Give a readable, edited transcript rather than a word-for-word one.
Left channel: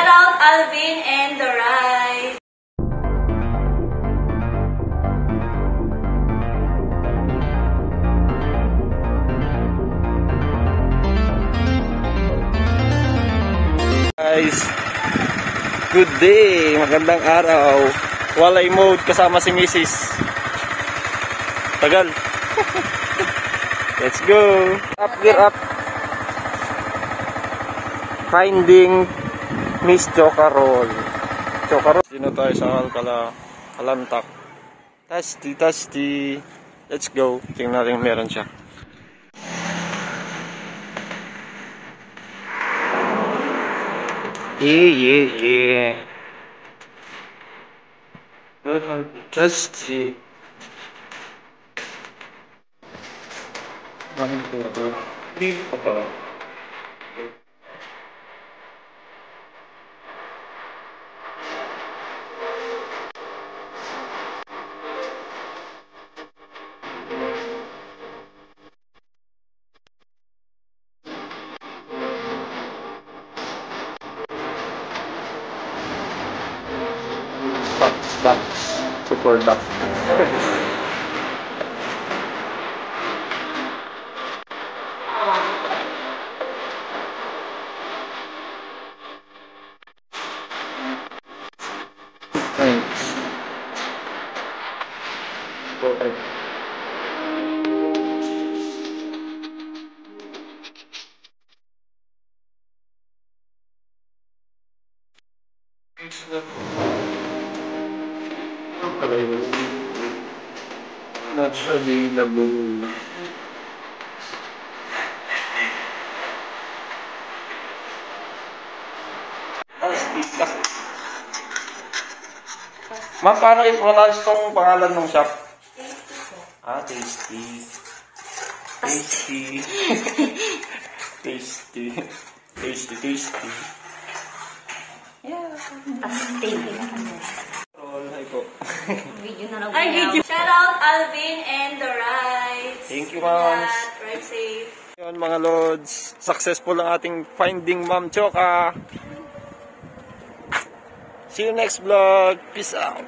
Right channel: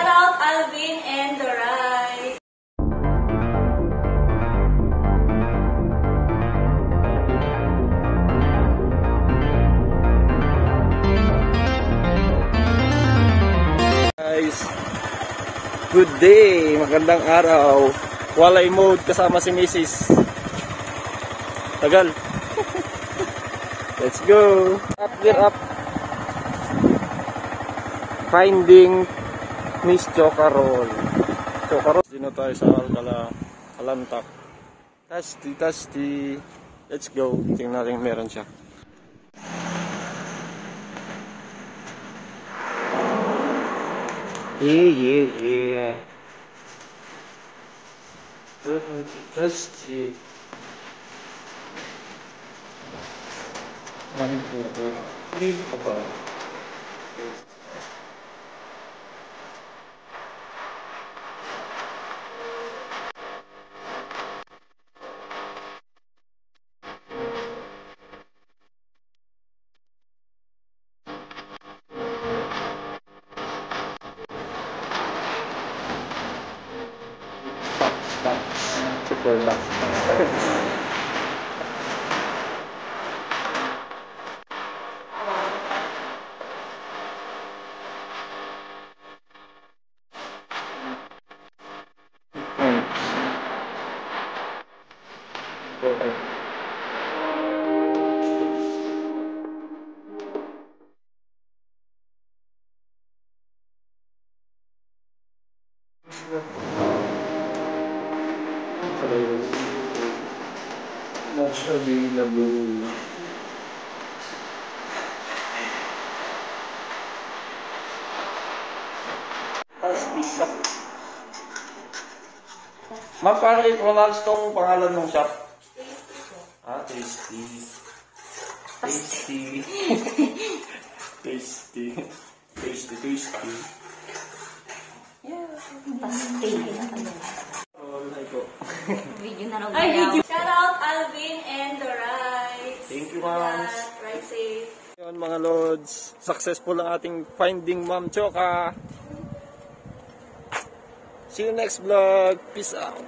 Shout out Alvin and the Ride. Guys, good day, magandang araw. Walay mode kasama si Mrs. Tagal. Let's go. Up, gear up. Finding Miss Chocarol. Dito tayo sa Alcala, Alantak. Tasty. Let's go. Tingnan natin meron siya. Yeah. Tasty. Dito pa ba? Box. Super duck. Thanks. Okay. Not available. Ma'am, paano i-pronounce tong pangalan ng shop? Tasty. Yeah, tasty. Hi po. Video na lang. Ay, video. Shout out Alvin and the Ride. Thank you, ma'am. Ride safe. Yun mga lods, successful ang ating finding Ma'am Choca. See you next vlog. Peace out.